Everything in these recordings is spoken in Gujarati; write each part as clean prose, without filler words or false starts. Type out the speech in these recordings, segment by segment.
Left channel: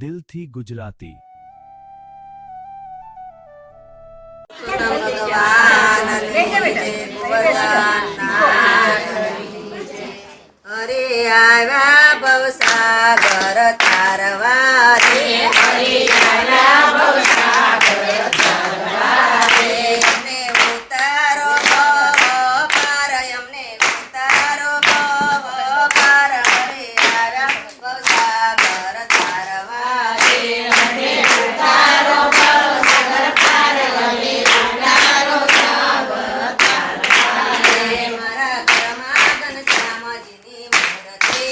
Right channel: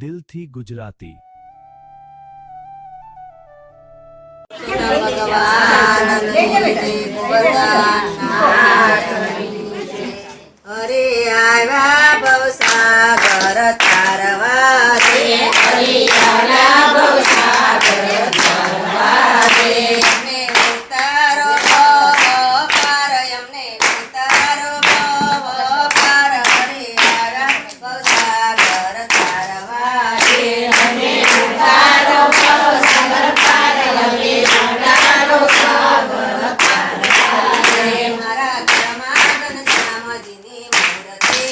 દિલથી ગુજરાતી। અરે આવ્યા ભવસાગર તારવા રે, અરે આવ્યા ભવસાગર તારવા રે, અમને ઉતારો ભવ પાર, અમને ઉતારો ભવ પાર, અરે આવ્યા ભવસાગર તારવા રે, અમને ઉતારો ભવસાગર પાર, અમને ઉતારો સાગર તારવા રે, મારા ઘરમાં ઘનશ્યામજીની મૂર્તિ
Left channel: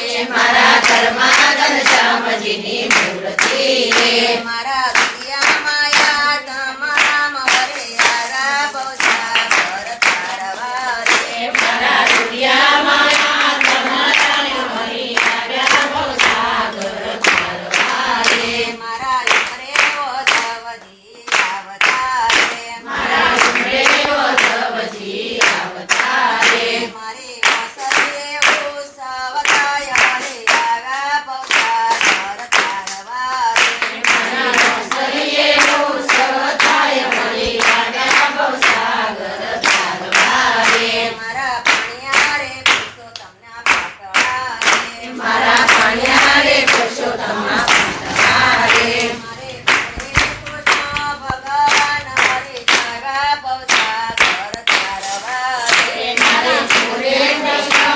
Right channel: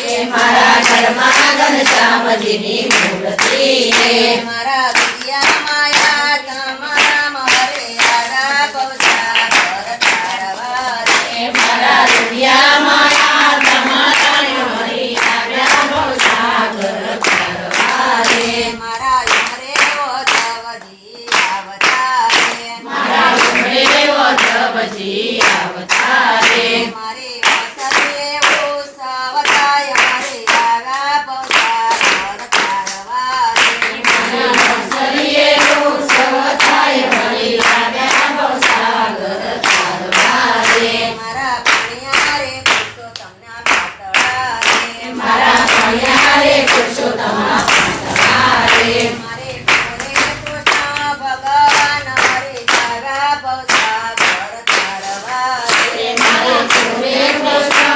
રે, મારા ઘરમાં ઘનશ્યામજીની મૂર્તિ રે, મારા દુનિયા માયા તમારા મરે આવ્યા ભવસાગર તારવા રે, મારા દુનિયા માયા તમારા મરે આવ્યા ભવસાગર તારવા રે, મારા ઉમરે ઓધવજી આવતા રે, મારા ઉમરે ઓધવજી આવતા રે, મારી વસતીએ ઉત્સવતાય હરે આવ્યા ભવસાગર તારવા રે, મારા વસતીએ ઉત્સવતાય હરે આવ્યા ભવસાગર તારવા રે, મારા પાણિયા રે પુરુષોત્તમના પાટલા રે, મારા પાણિયા રે પુરુષોત્તમના પાટલા રે, મારે પૂરે કૃષ્ણ ભગવાન હરે આવ્યા ભવસાગર તારવા રે, મારે પૂરે કૃષ્ણ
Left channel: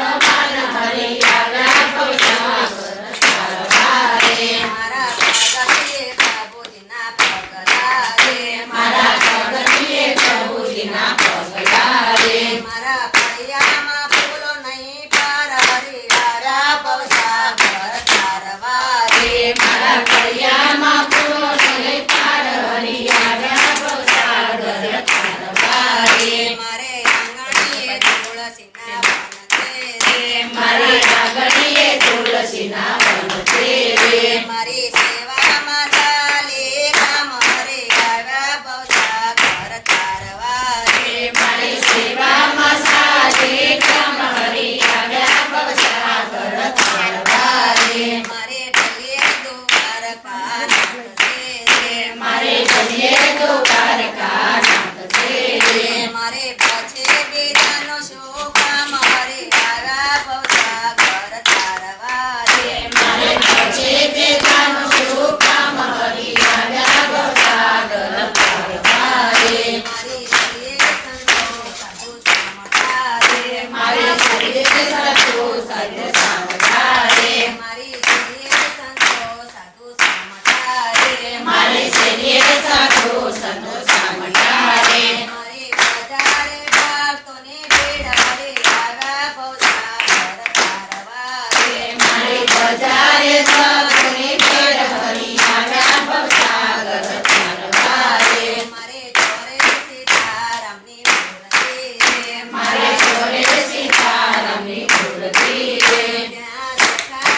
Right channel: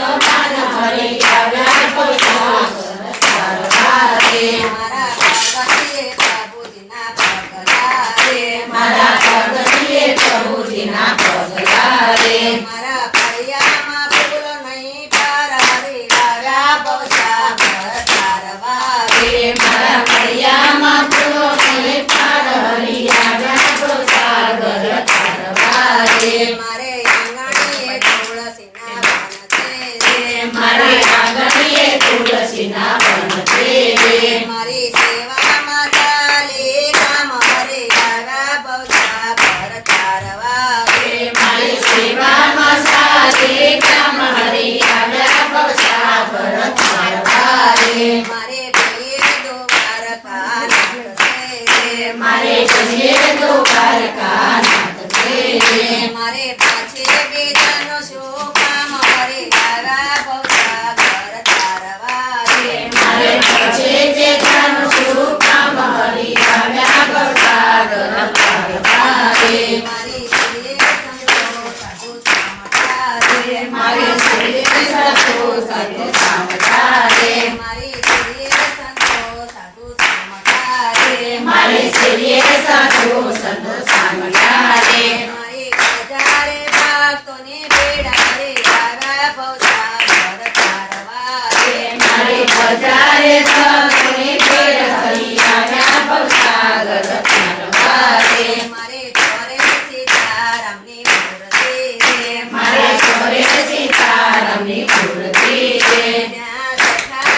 ભગવાન હરે આવ્યા ભવસાગર તારવા રે, મારા ભગતીએ પ્રભુજીના પગલા રે, મારા ભગતીએ પ્રભુજીના પગલા રે, મારા ફળિયામાં ફૂલો નહીં પર હરે આવ્યા ભવસાગર તારવા રે, મારા ફળિયામાં ફૂલો નહીં પર હરે આવ્યા ભવસાગર તારવા રે, મારે આંગણીએ તુલસીના વન છે રે, મારે આંગણીએ તુલસીના વન છે રે, મારી સેવામાં ચાલી રામ હરે આવ્યા ભવસાગર તારવા રે, મારી સેવામાં ચાલી રામ હરે આવ્યા ભવસાગર તારવા રે, મારે કહીએ દ્વારકા નાથ છે રે, મારે કહીએ દ્વારકા નાથ છે રે, મારે પછી બીજાનું શું કામ હરે આવ્યા ભવસાગર તારવા રે, મારે પછી બીજાનું શું કામ હરે આવ્યા ભવસાગર તારવા રે, મારી શરીરે સંતો સાધુ સામટા રે, મારી શરીરે સંતો સાધુ સામટા રે, મારી શરીરે સંતો સાધુ સામટા રે, મારી શરીરે સાધુ સંતો સામટા રે, મારી બજારે ભક્તોને ભેળા રે આવ્યા ભવસાગર તારવા રે, મારી બજારે ભક્તોને ભેળા હરી આવ્યા ભવસાગર તારવા રે, મારે ચોરે સીતારામની મૂર્તિ રે, મારે ચોરે સીતારામની મૂર્તિ રે, ત્યાં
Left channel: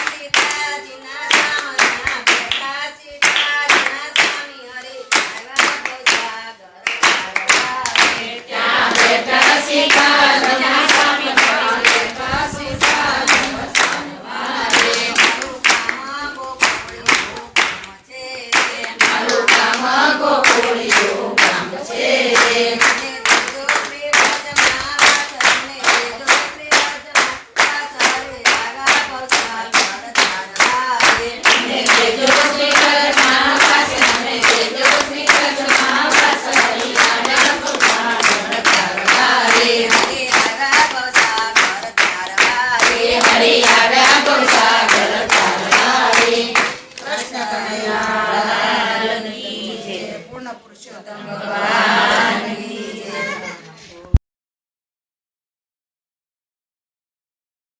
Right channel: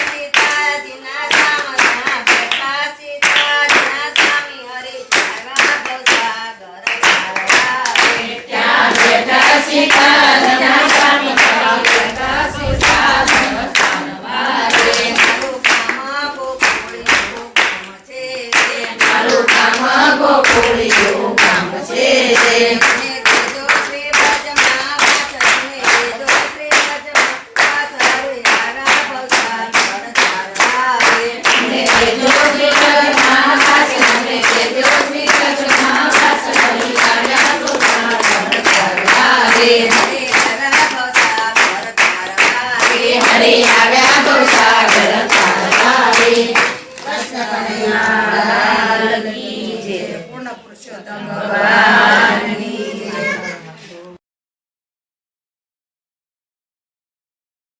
બેઠા સીતાજીના સામના, બેઠા સીતાજીના સ્વામી હરે આવ્યા ભવસાગર તારવા રે, ત્યાં બેઠા સીતાજીના સ્વામી હરે બેઠા સીતાજીના તારવા રે, મારું કામ ગોકુળિયું કામ છે રે, મને દેજો શ્રી વ્રજમાં વાસ, મને દેજો શ્રી વ્રજમાં વાસ, હરે આવ્યા ભવસાગર તારવા રે, મને દેજો શ્રી વ્રજમાં વાસ, મને દેજો શ્રી વ્રજમાં વાસ, હરે આવ્યા ભવસાગર તારવા રે, હરે આવ્યા ભવસાગર તારવા રે, હરે આવ્યા ભવસાગર તારવા રે, કૃષ્ણ કનૈયા લાલની જય, પૂર્ણ પુરુષોત્તમ ભગવાન